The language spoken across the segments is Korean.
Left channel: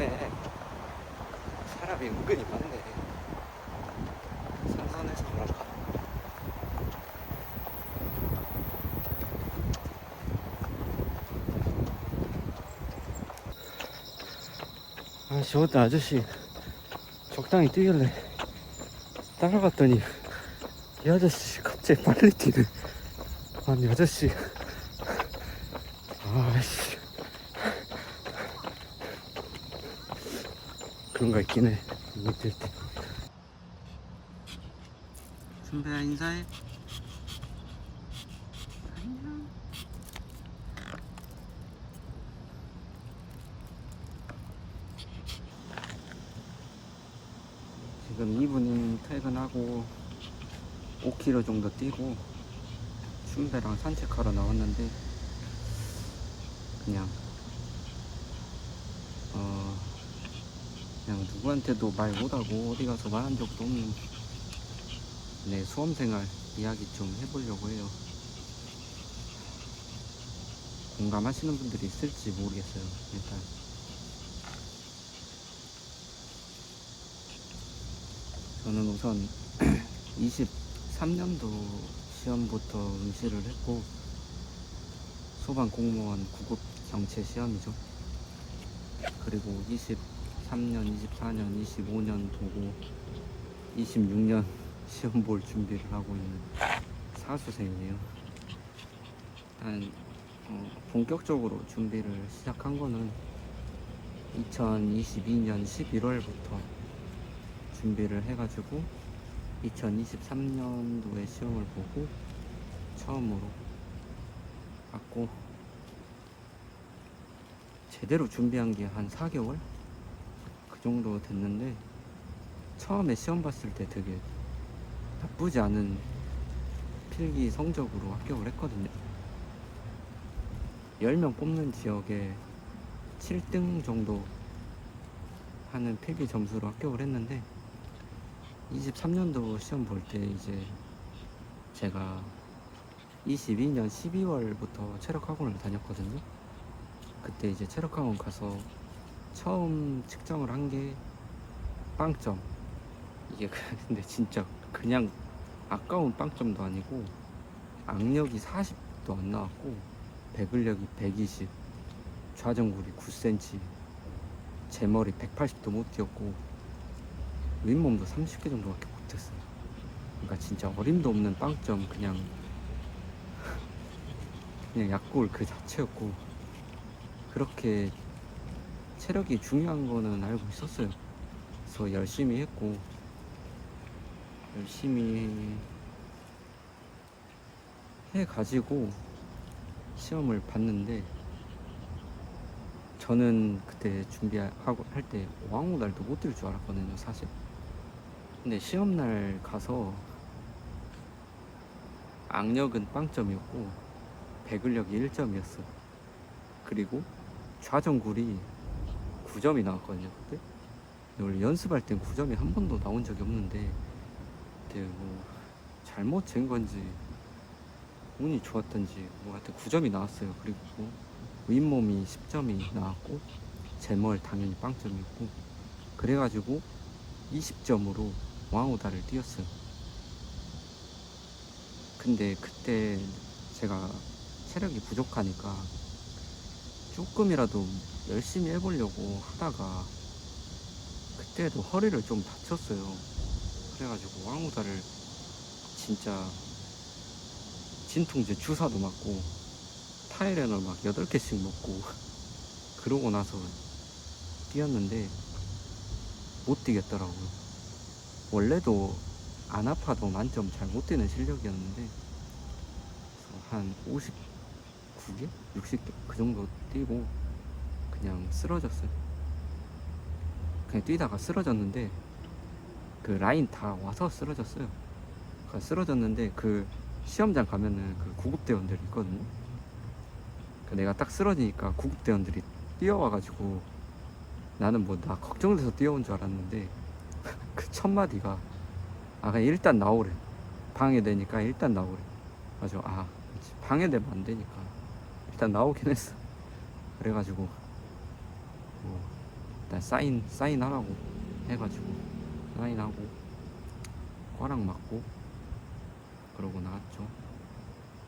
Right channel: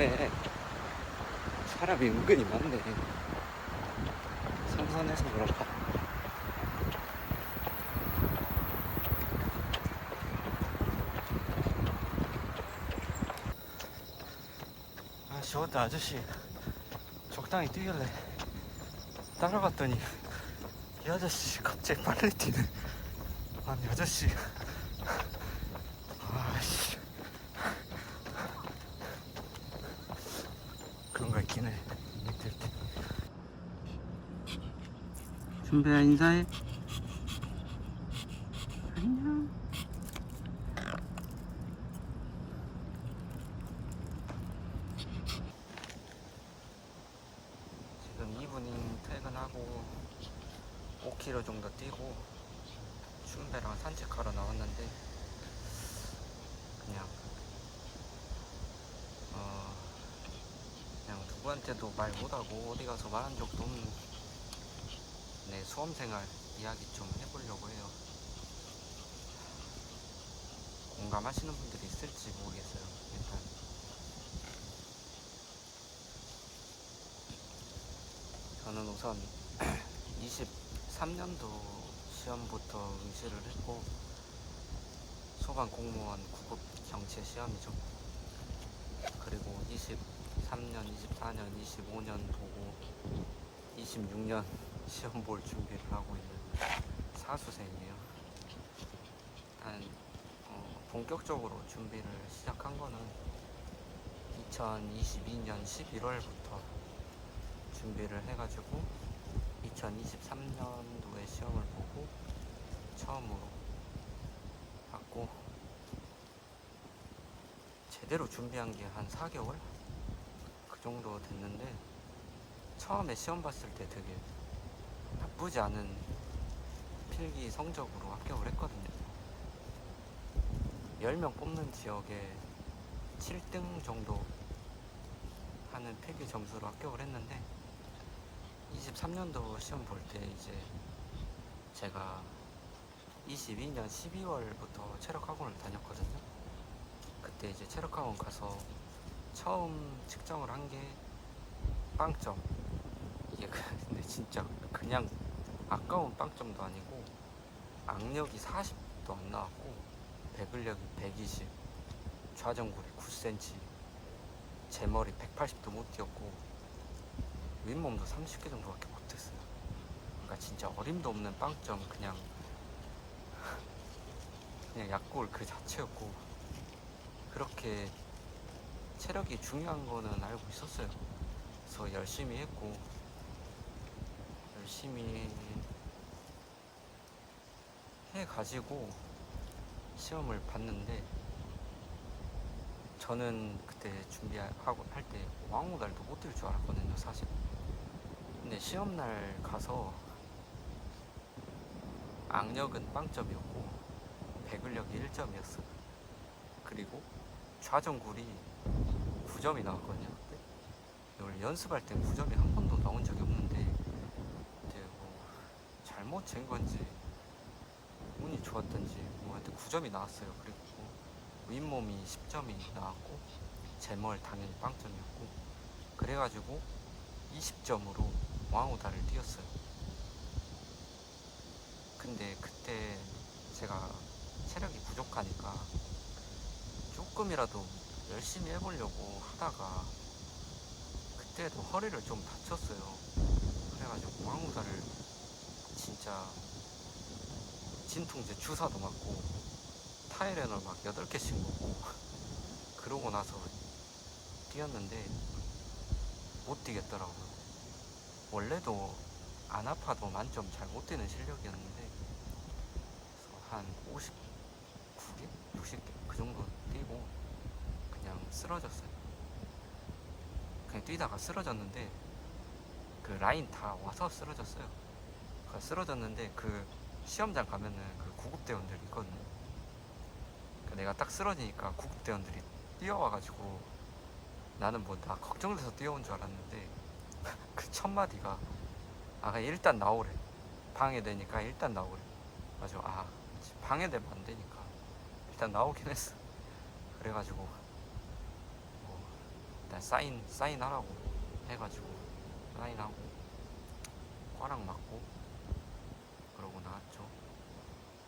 밤에 사람이 은근히 많네. 선선해서 그런가? 저것도 아저씨 적당히 뛰길래 따라갔더니 이 아저씨 갑자기 빨리 뛰네. 아니 아저씨 아이씨 그런 거 있긴 해. 밑에 선배야 인사해. 안녕. 지금 이분이 퇴근하고 5km 정도 뛰고 춘배랑 산책하러 나왔는데 그냥 그냥 누구한테도 말 못하고 어디 가서 말한 적도 없는 내 수험생활 이야기 좀 해보려고 해요. 공감하시는 분들이 있을지 모르겠어요. 일단 저는 우선 23년도 시험부터 응시를 했고 소방공무원 구급 정체 시험이죠. 그리고 23년, 24년, 25년 보고 26년 시험 볼 준비를 하고 있는 사수생이에요. 일단 본격적으로 준비를 시작한 거는 2022년 11월부터 준비를 해가지고 2023년도에 시험을 보고 처음으로 봤고 제대로 준비한 게 한 4개월? 그 정도 됐는데 처음에 시험 봤을 때 되게 나쁘지 않은 필기 성적으로 합격을 했거든요. 10명 뽑는 지역에 7등 정도 하는 필기 점수로 합격을 했는데 23년도 시험 볼 때 이제 제가 22년 12월부터 체력학원을 다녔거든요. 그때 이제 체력학원 가서 처음 측정을 한 게 빵점. 이게 근데 진짜 그냥 아까운 빵점도 아니고 악력이 40도 안 나왔고 배근력이 120, 좌전굴이 9cm, 제 머리 180도 못 뛰었고 윗몸도 30개 정도밖에 못했어요. 그러니까 진짜 어림도 없는 빵점, 그냥 약골 그 자체였고 그렇게 체력이 중요한 거는 알고 있었어요. 그래서 열심히 했고 열심히 해가지고 시험을 봤는데 저는 그때 준비하고 할 때 왕우달도 못 뛸 줄 알았거든요 사실. 근데 시험날 가서 악력은 빵점이었고 배근력이 1점이었어. 그리고 좌전굴이 9점이 나왔거든요 그때. 원래 연습할 땐 9점이 한 번도 나온 적이 없는데 그때 뭐 잘못 잰 건지 운이 좋았던지 뭐 하여튼 9점이 나왔어요. 그리고 윗몸이 10점이 나왔고 제멀 당연히 빵점이었고 그래가지고 20점으로 왕우다를 뛰었어요. 근데 그때 제가 체력이 부족하니까 조금이라도 열심히 해보려고 하다가 그때도 허리를 좀 다쳤어요. 그래가지고 왕우다를 진짜 진통제 주사도 맞고 타이레놀 막 8개씩 먹고 그러고 나서 뛰었는데 못 뛰겠더라고요. 원래도 안 아파도 만점 잘 못 뛰는 실력이었는데 한 59개? 60개? 그 정도 뛰고 그냥 쓰러졌어요. 그냥 뛰다가 쓰러졌는데 그 라인 다 와서 쓰러졌어요. 쓰러졌는데 그 시험장 가면은 그 구급대원들이 있거든요. 내가 딱 쓰러지니까 구급대원들이 뛰어와가지고 나는 뭐 나 걱정돼서 뛰어온 줄 알았는데 그 첫 마디가 그냥 일단 나오래. 방해되니까 일단 나오래. 맞아. 방해되면 안 되니까 일단 나오긴 했어. 그래가지고 뭐 일단 사인하라고 해가지고 사인하고 과락 맞고 그러고 나왔죠.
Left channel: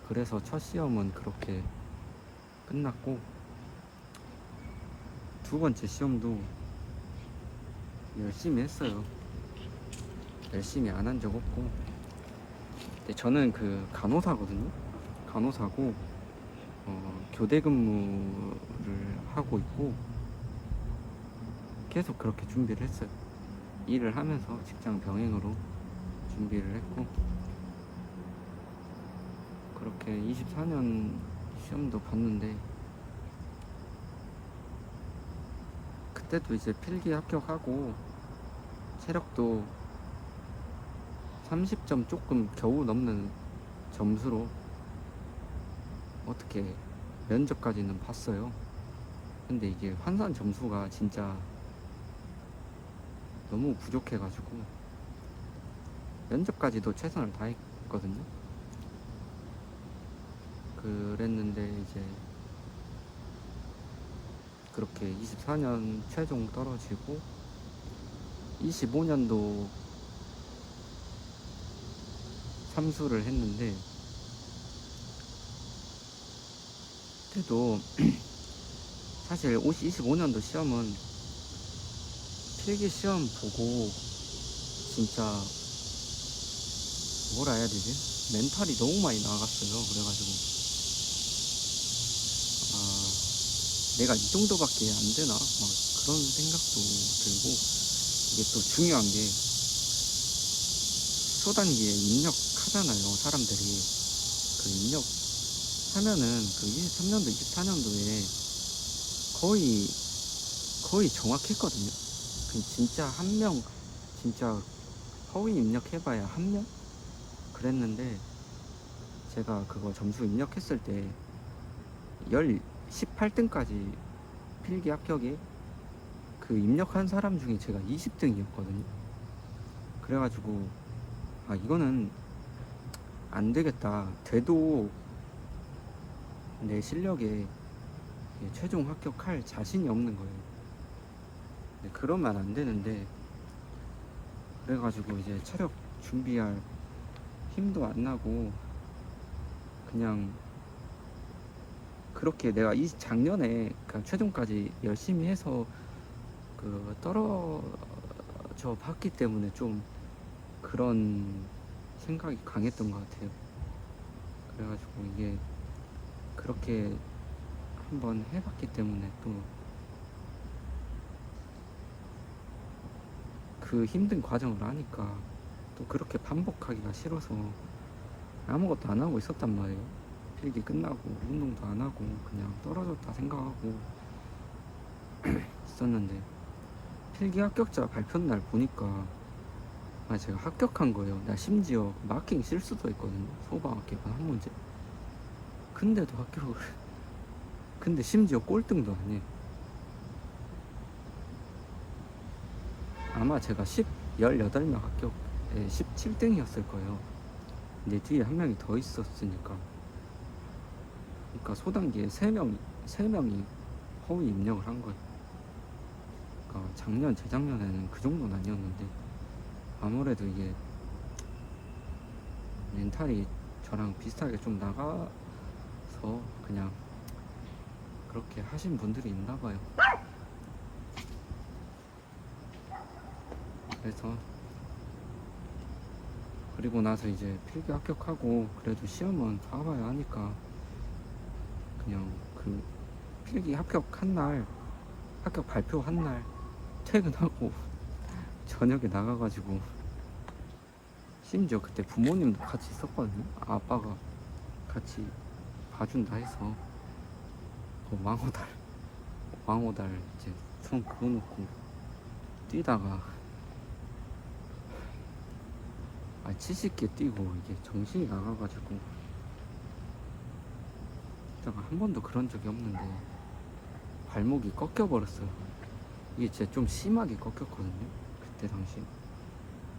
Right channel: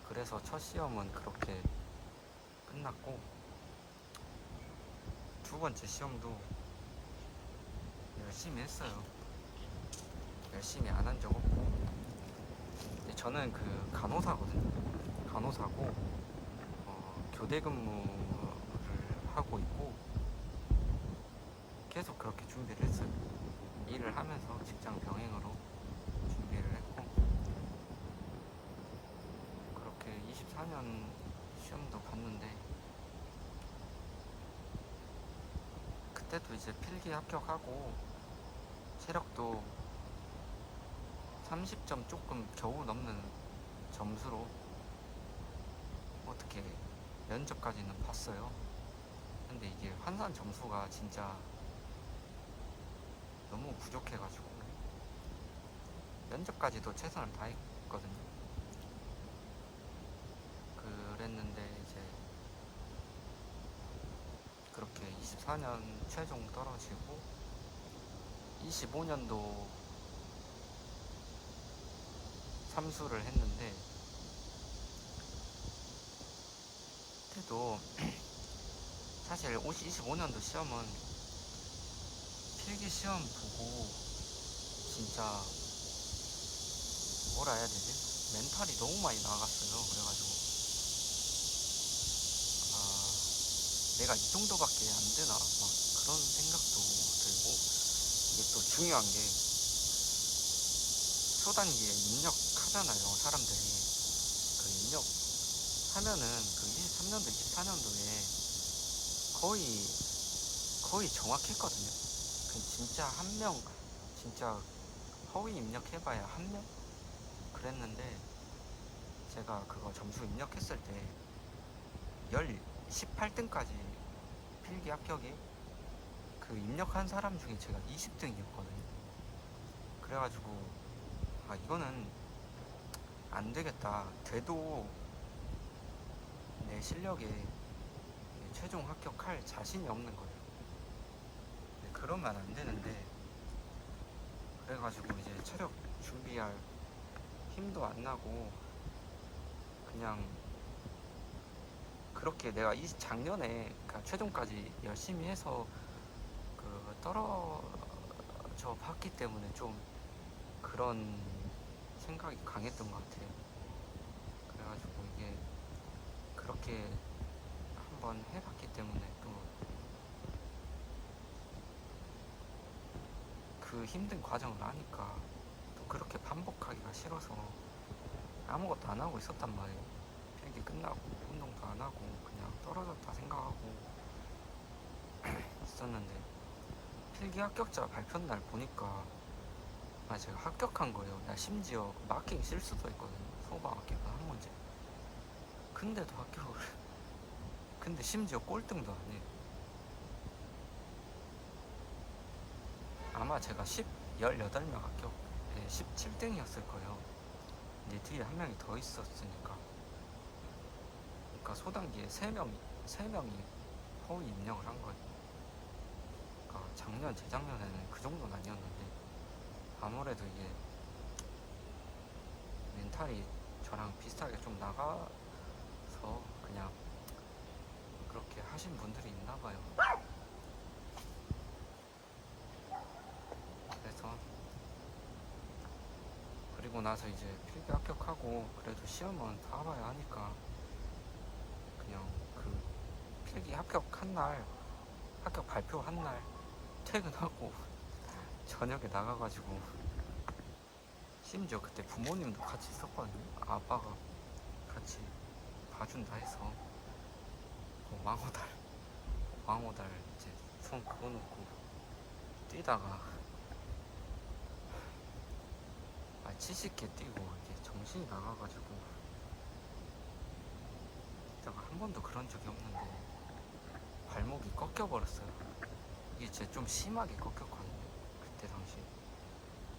그래서 첫 시험은 그렇게 끝났고, 두 번째 시험도 열심히 했어요. 열심히 안 한 적 없고. 근데 저는 그 간호사거든요. 간호사고 교대 근무를 하고 있고 계속 그렇게 준비를 했어요. 일을 하면서 직장 병행으로 준비를 했고, 그렇게 24년 시험도 봤는데, 그때도 이제 필기 합격하고 체력도 30점 조금 겨우 넘는 점수로 어떻게 면접까지는 봤어요. 근데 이게 환산 점수가 진짜 너무 부족해가지고 면접까지도 최선을 다했거든요. 그랬는데 이제 그렇게 24년 최종 떨어지고 25년도 삼수를 했는데, 그래도 사실 25년도 시험은 필기 시험 보고 진짜 뭐라 해야 되지? 멘탈이 너무 많이 나갔어요. 그래가지고 내가 이 정도밖에 안 되나? 막 그런 생각도 들고, 이게 또 중요한 게 초단기에 입력하잖아요. 사람들이 그 입력하면은 그 23년도 24년도에 거의 정확했거든요. 진짜 한 명, 진짜 허위 입력해봐야 한 명? 그랬는데, 제가 그거 점수 입력했을 때 18등까지 필기 합격이 그 입력한 사람 중에 제가 20등이었거든요. 그래가지고 이거는 안 되겠다. 돼도 내 실력에 최종 합격할 자신이 없는 거예요. 그러면 안 되는데, 그래가지고 이제 체력 준비할 힘도 안 나고 그냥 그렇게 내가 작년에 최종까지 열심히 해서 그 떨어져 봤기 때문에 좀 그런 생각이 강했던 것 같아요. 그래가지고 이게 그렇게 한번 해봤기 때문에 또 그 힘든 과정을 아니까 또 그렇게 반복하기가 싫어서 아무것도 안 하고 있었단 말이에요. 필기 끝나고 운동도 안 하고 그냥 떨어졌다 생각하고 있었는데, 필기 합격자 발표 날 보니까 제가 합격한 거예요. 나 심지어 마킹 실수도 있거든요. 소방 합격한 한 문제. 근데도 합격을. 근데 심지어 꼴등도 아니에요. 아마 제가 18명 합격에 17등이었을 거예요. 근데 뒤에 한 명이 더 있었으니까. 그러니까 소단기에 3명이 허위 입력을 한 거예요. 그러니까 작년, 재작년에는 그 정도는 아니었는데, 아무래도 이게 멘탈이 저랑 비슷하게 좀 나가서 그냥 그렇게 하신 분들이 있나 봐요. 그래서 그리고 나서 이제 필기 합격하고 그래도 시험은 봐봐야 하니까 그냥 그 필기 합격한 날, 합격 발표한 날 퇴근하고 저녁에 나가가지고, 심지어 그때 부모님도 같이 있었거든요. 아빠가 같이 봐준다 해서 그 왕호달 이제 손 그어놓고 뛰다가 70개 뛰고 이게 정신이 나가가지고, 제가 한 번도 그런 적이 없는데 발목이 꺾여버렸어요. 이게 진짜 좀 심하게 꺾였거든요, 그때 당시.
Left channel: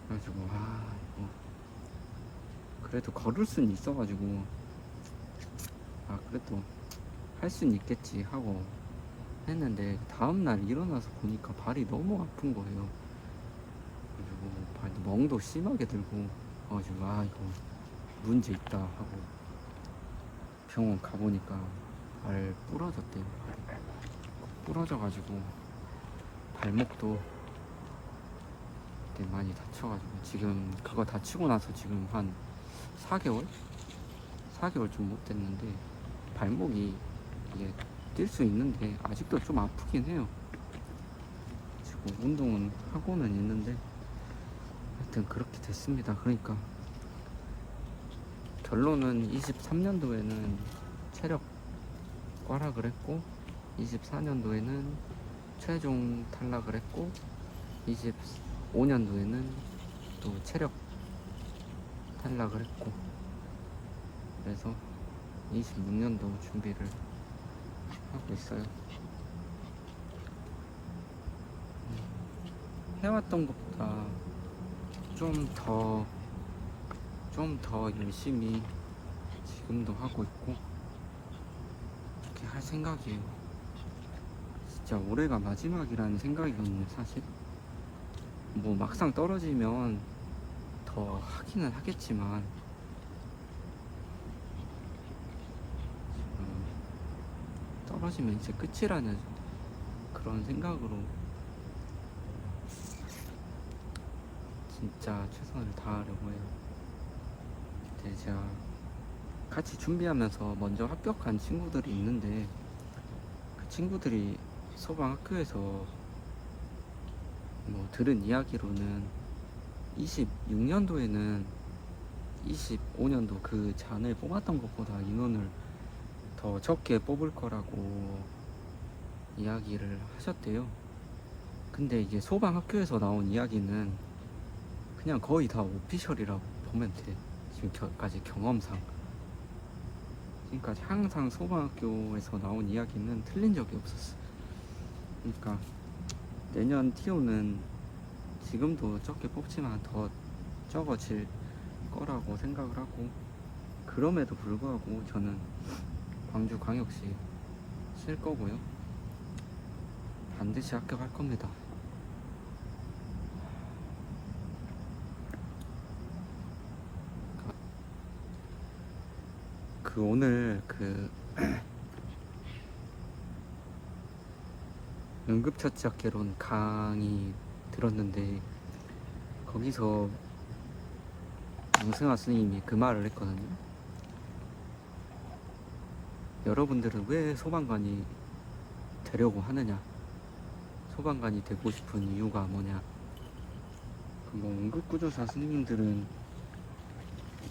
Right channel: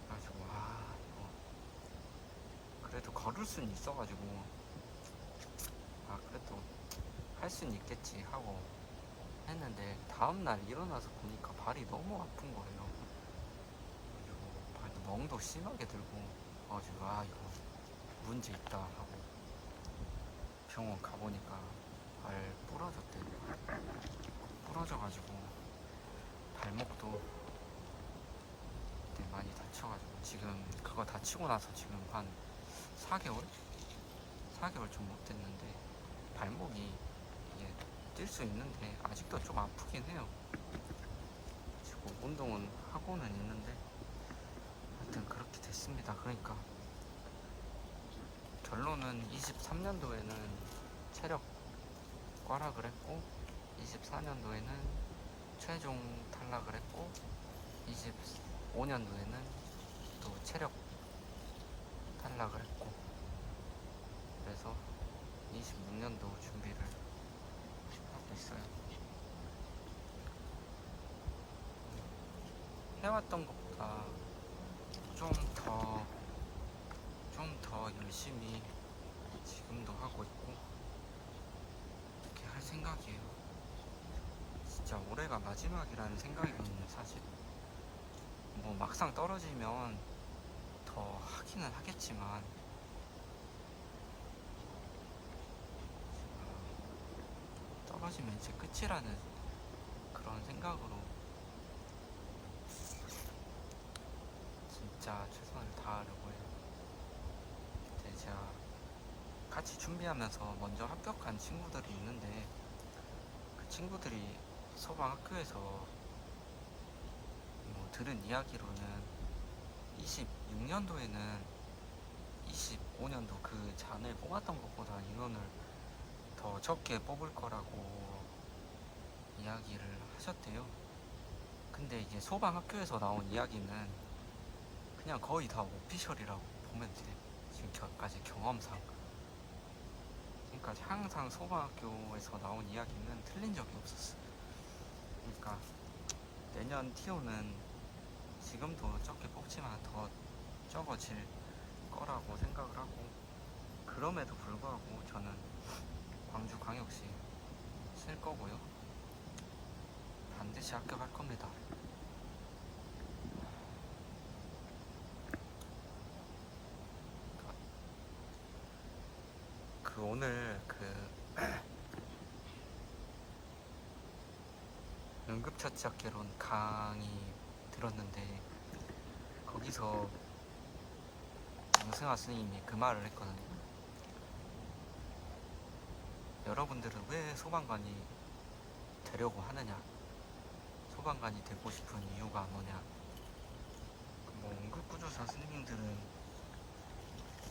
그래가지고 이거 그래도 걸을 수는 있어가지고 그래도 할 수는 있겠지 하고 했는데 다음날 일어나서 보니까 발이 너무 아픈 거예요. 그리고 발도 멍도 심하게 들고 그래가지고 아 이거 문제 있다 하고 병원 가보니까 발 부러졌대요. 부러져가지고 발목도 그때 많이 다쳐가지고 지금 그거 다치고 나서 지금 한 4개월? 4개월 좀 못 됐는데 발목이 이게 뛸 수 있는데 아직도 좀 아프긴 해요. 지금 운동은 하고는 있는데 하여튼 그렇게 됐습니다. 그러니까 결론은 23년도에는 체력 꽈락을 했고 24년도에는 최종 탈락을 했고 25년도에는 또 체력 탈락을 했고 그래서 26년도 준비를 하고 있어요. 해왔던 것보다 좀 더 열심히 지금도 하고 있고 이렇게 할 생각이에요. 진짜 올해가 마지막이라는 생각이거든요. 사실 뭐 막상 떨어지면 더 하기는 하겠지만 떨어지면 이제 끝이라는 그런 생각으로 진짜 최선을 다하려고 해요. 근데 제가 같이 준비하면서 먼저 합격한 친구들이 있는데 그 친구들이 소방학교에서 뭐 들은 이야기로는 26년도에는 25년도 그 전에 뽑았던 것보다 인원을 더 적게 뽑을 거라고 이야기를 하셨대요. 근데 이게 소방학교에서 나온 이야기는 그냥 거의 다 오피셜이라고 보면 돼. 지금까지 경험상. 그러니까 항상 소방학교에서 나온 이야기는 틀린 적이 없었어. 그러니까 내년 TO는 지금도 적게 뽑지만 더 적어질 거라고 생각을 하고 그럼에도 불구하고 저는 광주광역시 쓸 거고요. 반드시 합격할 겁니다. 오늘 응급처치학개론 강의 들었는데 거기서 양승화 선생님이 그 말을 했거든요. 여러분들은 왜 소방관이 되려고 하느냐, 소방관이 되고 싶은 이유가 뭐냐. 뭐 응급구조사 선생님들은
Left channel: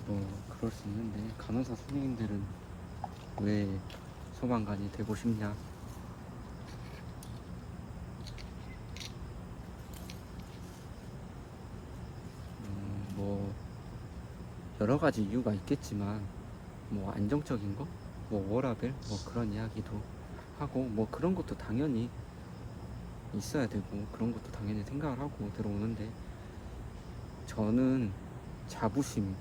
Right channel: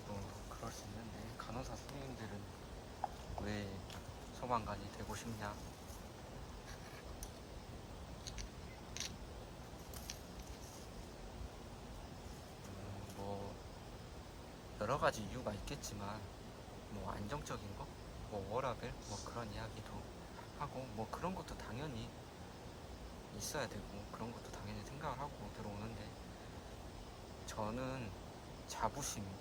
뭐 그럴 수 있는데 간호사 선생님들은 왜 소방관이 되고 싶냐. 뭐 여러 가지 이유가 있겠지만 뭐 안정적인 거, 뭐 워라밸, 뭐 그런 이야기도 하고 뭐 그런 것도 당연히 있어야 되고 그런 것도 당연히 생각을 하고 들어오는데 저는 자부심이거든요.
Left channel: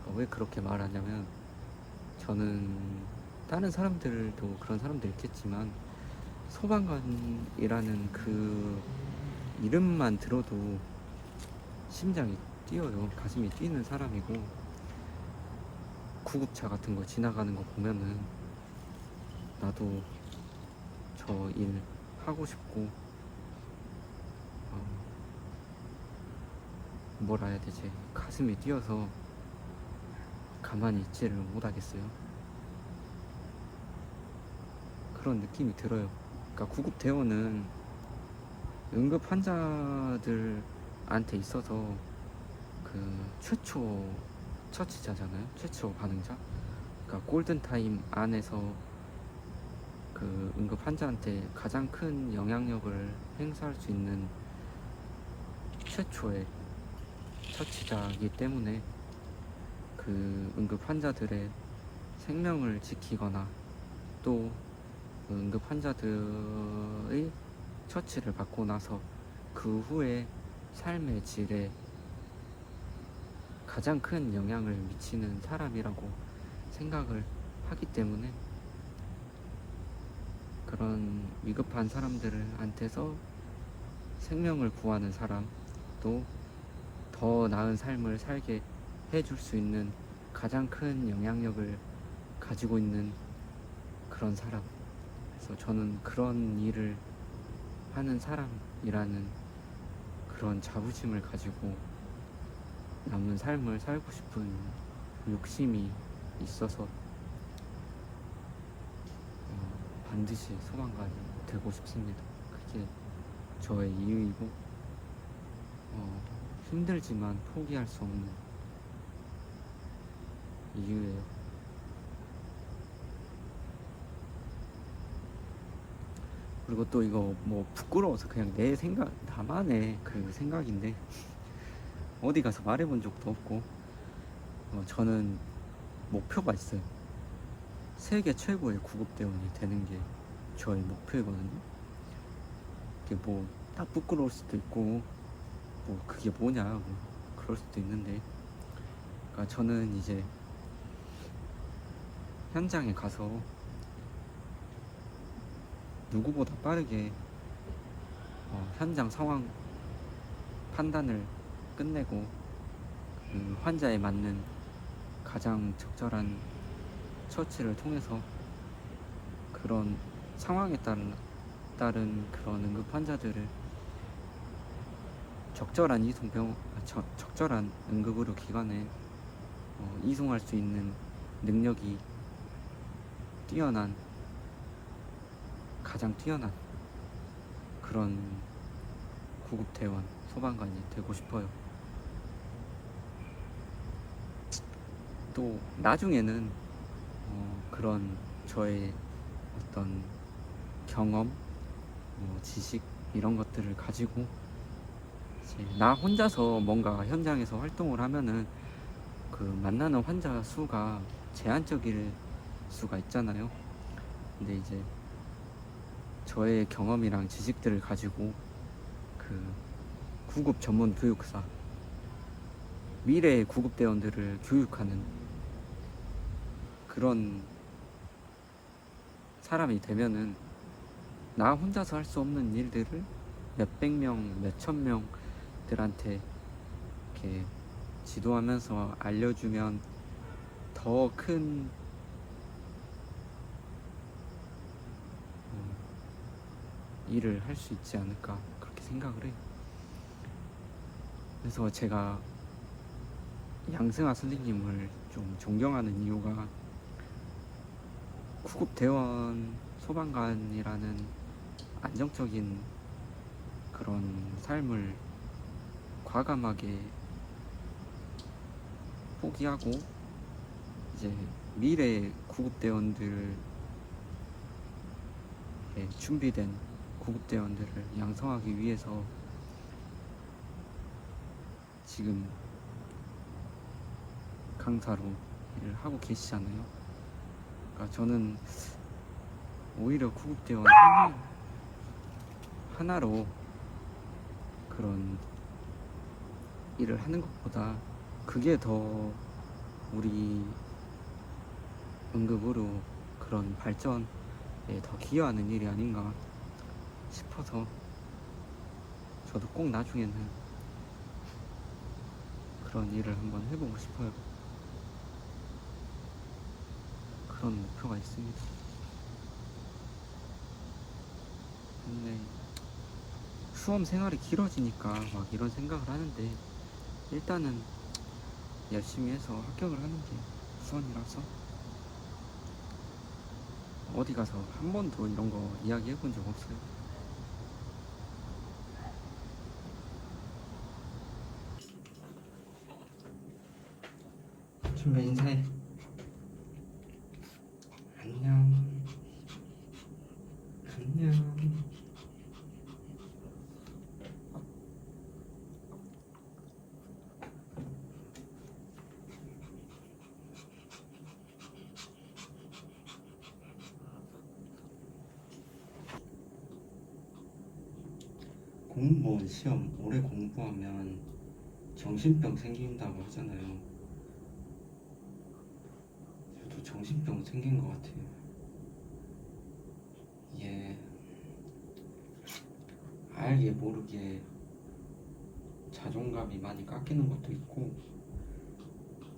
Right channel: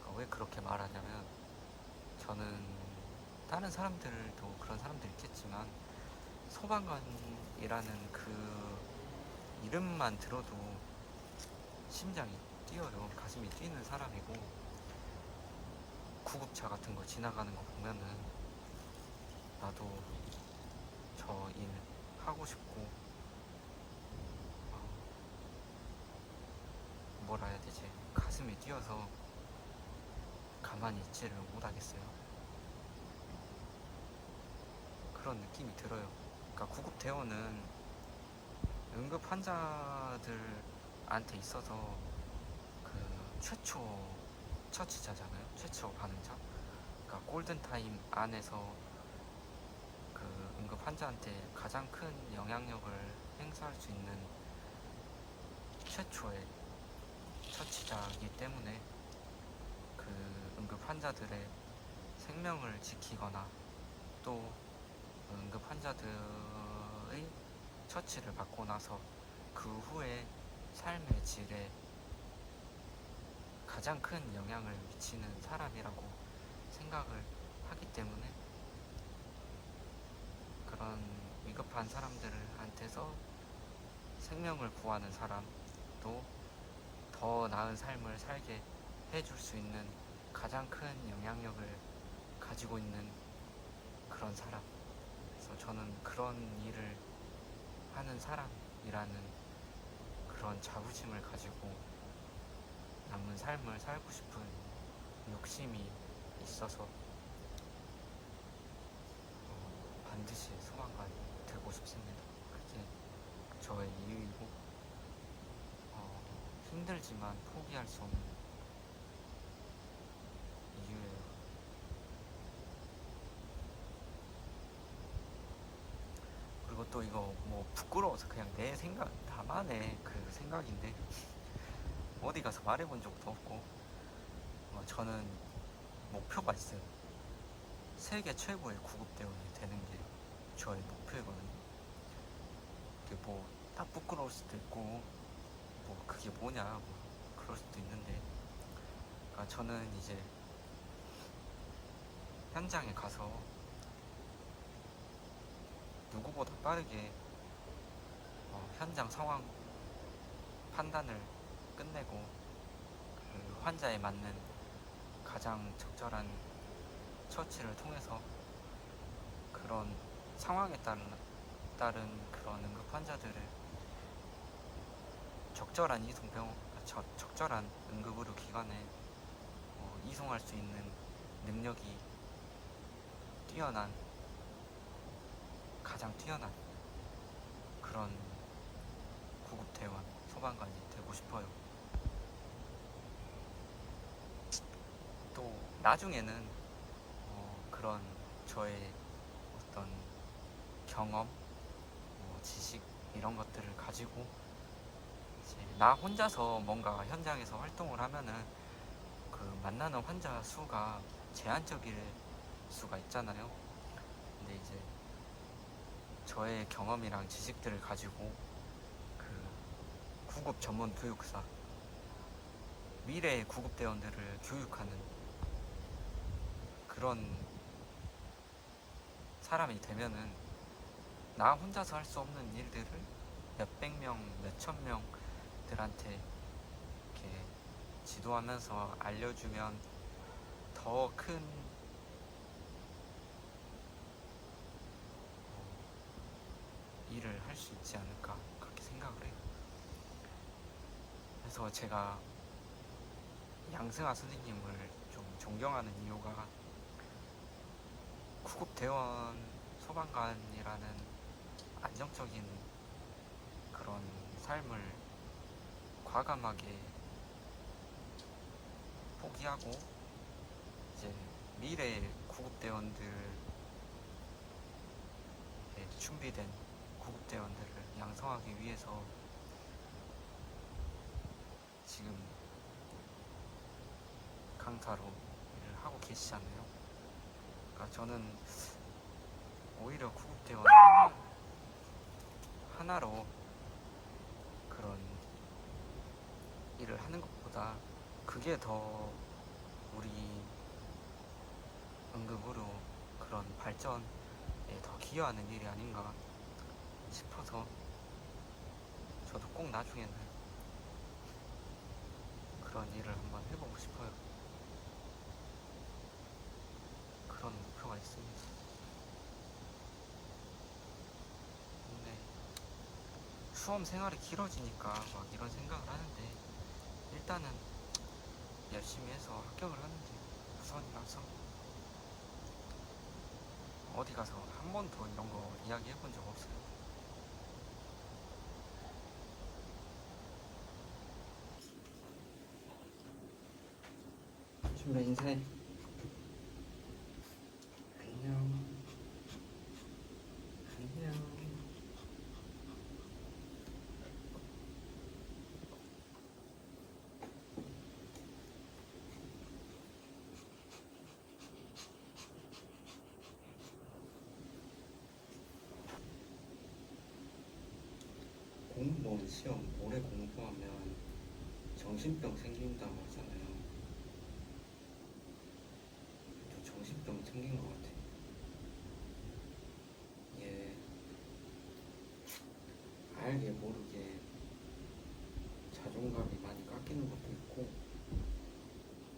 그러니까 왜 그렇게 말하냐면 저는 다른 사람들도 그런 사람들 있겠지만 소방관이라는 그 이름만 들어도 심장이 뛰어요. 가슴이 뛰는 사람이고 구급차 같은 거 지나가는 거 보면은 나도 저 일 하고 싶고 뭐라 해야 되지? 가슴이 뛰어서 가만히 있지를 못하겠어요. 그런 느낌이 들어요. 그러니까 구급대원은 응급 환자들한테 있어서 그 최초 처치자잖아요. 최초 반응자. 그러니까 골든타임 안에서 그 응급 환자한테 가장 큰 영향력을 행사할 수 있는 최초의 처치자이기 때문에 그 응급 환자들의 생명을 지키거나 또 응급 환자들의 처치를 받고 나서 그 후에 삶의 질에 가장 큰 영향을 미치는 사람이라고 생각을 하기 때문에 그런 위급한 사람들한테서 생명을 구하는 사람, 또 더 나은 삶을 살게 해줄 수 있는 가장 큰 영향력을 가지고 있는 그런 사람. 그래서 저는 그런 일을 하는 사람이라는 그런 자부심을 가지고 남은 삶을 살고 싶은 욕심이 있어서 반드시 소방관이 되고 싶습니다. 그게 저의 이유이고 힘들지만 포기할 수 없는 이유예요. 그리고 또 이거 뭐 부끄러워서 그냥 내 생각, 나만의 그 생각인데 어디 가서 말해본 적도 없고 저는 목표가 있어요. 세계 최고의 구급대원이 되는 게 저의 목표이거든요. 그게 뭐 딱 부끄러울 수도 있고 뭐 그게 뭐냐 뭐 그럴 수도 있는데, 그러니까 저는 이제 현장에 가서 누구보다 빠르게 현장 상황 판단을 끝내고 그 환자에 맞는 가장 적절한 처치를 통해서 그런 상황에 따른 그런 응급 환자들을 적절한 적절한 응급의료 기관에 이송할 수 있는 능력이 뛰어난, 가장 뛰어난 그런 구급대원, 소방관이 되고 싶어요. 또 나중에는 그런 저의 어떤 경험, 지식 이런 것들을 가지고 이제 나 혼자서 뭔가 현장에서 활동을 하면은 그 만나는 환자 수가 제한적일 수가 있잖아요. 근데 이제 저의 경험이랑 지식들을 가지고 그 구급 전문 교육사, 미래의 구급대원들을 교육하는 그런 사람이 되면은 나 혼자서 할 수 없는 일들을 몇백 명, 몇천 명들한테 이렇게 지도하면서 알려주면 더 큰 일을 할 수 있지 않을까 그렇게 생각을 해요. 그래서 제가 양승아 선생님을 좀 존경하는 이유가 구급대원, 소방관이라는 안정적인 그런 삶을 과감하게 포기하고 이제 미래의 구급대원들에 준비된 구급대원들을 양성하기 위해서 지금 강사로 일을 하고 계시잖아요. 그러니까 저는 오히려 구급대원 하나로 그런 일을 하는 것보다 그게 더 우리 응급의료 그런 발전에 더 기여하는 일이 아닌가 싶어서 저도 꼭 나중에는 그런 일을 한번 해보고 싶어요. 그런 목표가 있습니다. 근데 수험 생활이 길어지니까 막 이런 생각을 하는데 일단은 열심히 해서 합격을 하는 게 우선이라서 어디 가서 한 번도 이런 거 이야기 해본 적 없어요. 준비 인사해. 안녕. 안녕. 공무원 시험 오래 공부하면 정신병 생긴다고 하잖아요. 저도 정신병 생긴 것 같아요. 얘 알게 모르게 자존감이 많이 깎이는 것도 있고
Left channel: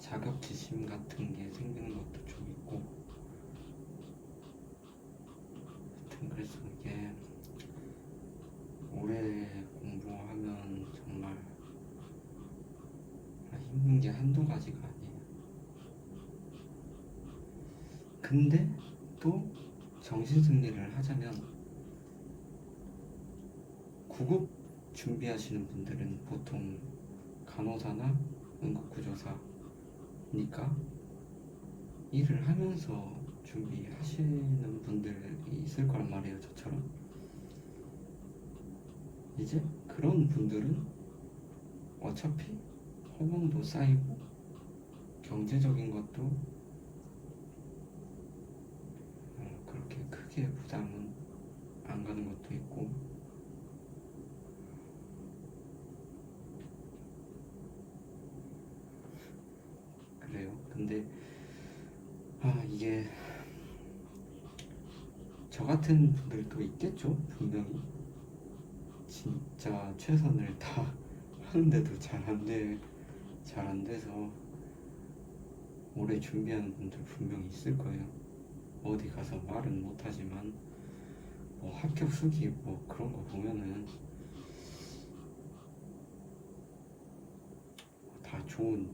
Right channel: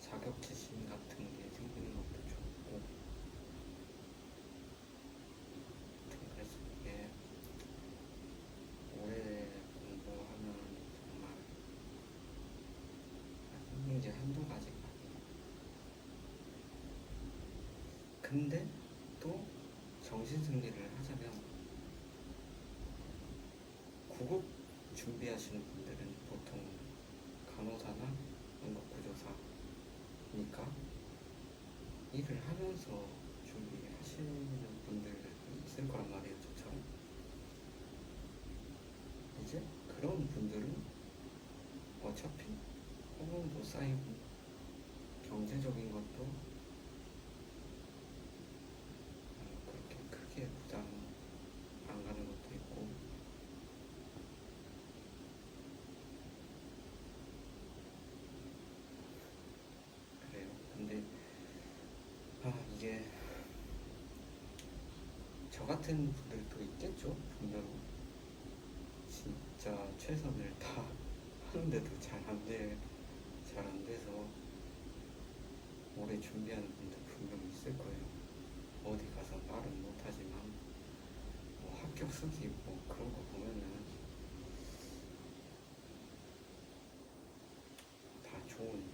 자격지심 같은 게 생기는 것도 좀 있고, 하여튼 그래서 이게 오래 공부하면 정말 힘든 게 한두 가지가 아니에요. 근데 또 정신승리를 하자면 9급 준비하시는 분들은 보통 간호사나 응급구조사니까 일을 하면서 준비하시는 분들이 있을 거란 말이에요, 저처럼. 이제 그런 분들은 어차피 호봉도 쌓이고 경제적인 것도 그렇게 크게 부담은 안 가는 것도 있고, 그래요. 근데 이게 저 같은 분들도 있겠죠, 분명히. 진짜 최선을 다 하는데도 잘 안 돼서 오래 준비하는 분들 분명 있을 거예요. 어디 가서 말은 못하지만 뭐 합격 수기 뭐 그런 거 보면은 다 좋은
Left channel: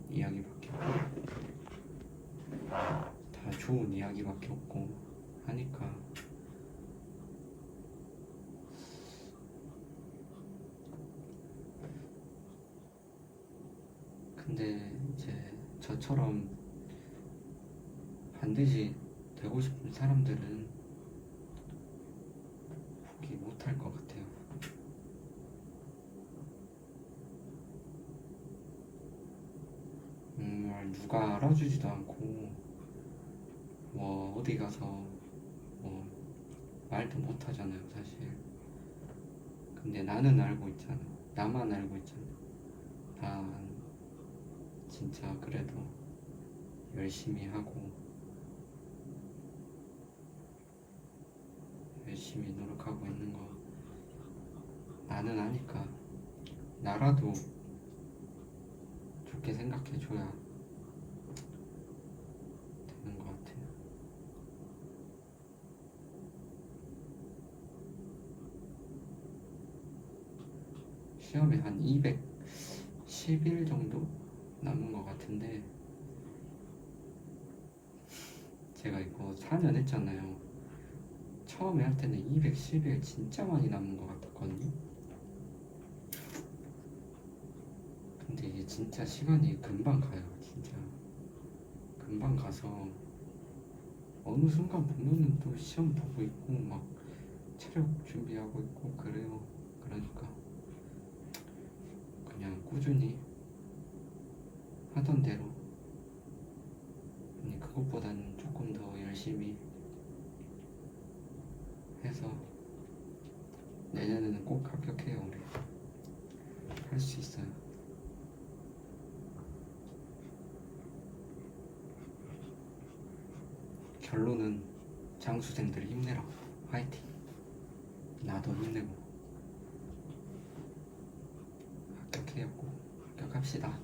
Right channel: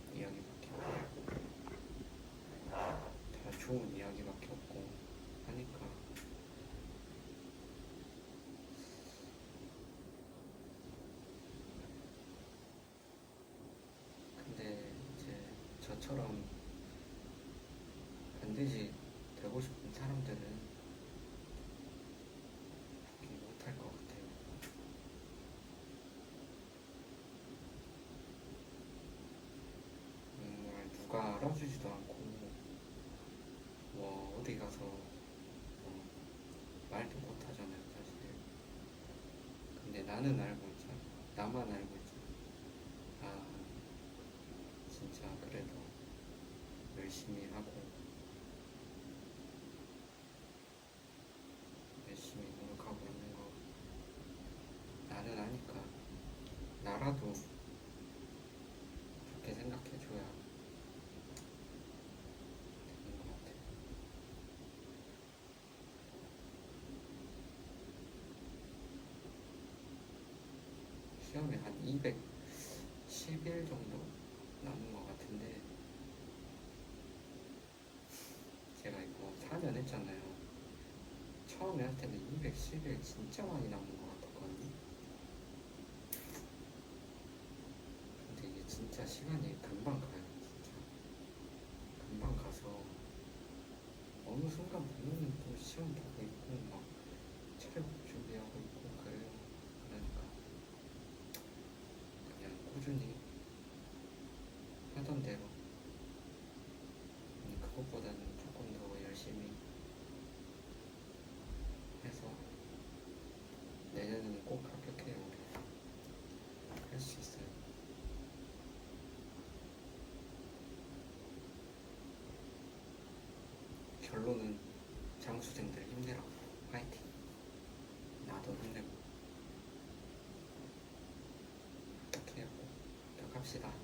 이야기밖에 없고 하니까. 근데 이제 저처럼 반드시 되고 싶은 사람들은 포기 못할 것 같아요. 정말 누가 알아주지도 않고 뭐 어디 가서 뭐 말도 못하잖아요, 사실. 근데 나는 알고 있잖아. 나만 알고 있잖아. 아, 진짜 그래도 열심히 하고 열심히 노력하고 있는 거 나는 아니까. 나라도 좋게 생각해줘야 되는 것 같아. 시험에 한 210일 정도 남은 것 같은데, 제가 이거 4년 했잖아요. 처음에 할 때는 210일 진짜 많이 남은 것 같았거든요. 근데 이게 진짜 시간이 금방 가요. 진짜 금방 가서 어느 순간 보면은 또 시험 보고 있고 막 체력 준비하고 있고 그래요. 그러니까 그냥 꾸준히 하던 대로, 아니 그것보다는 조금 더 열심히 해서 내년에는 꼭 합격해요. 우리 할 수 있어요. 결론은 장수생들 힘내라. 화이팅. 나도 힘내고 합격해요. 꼭 합격합시다.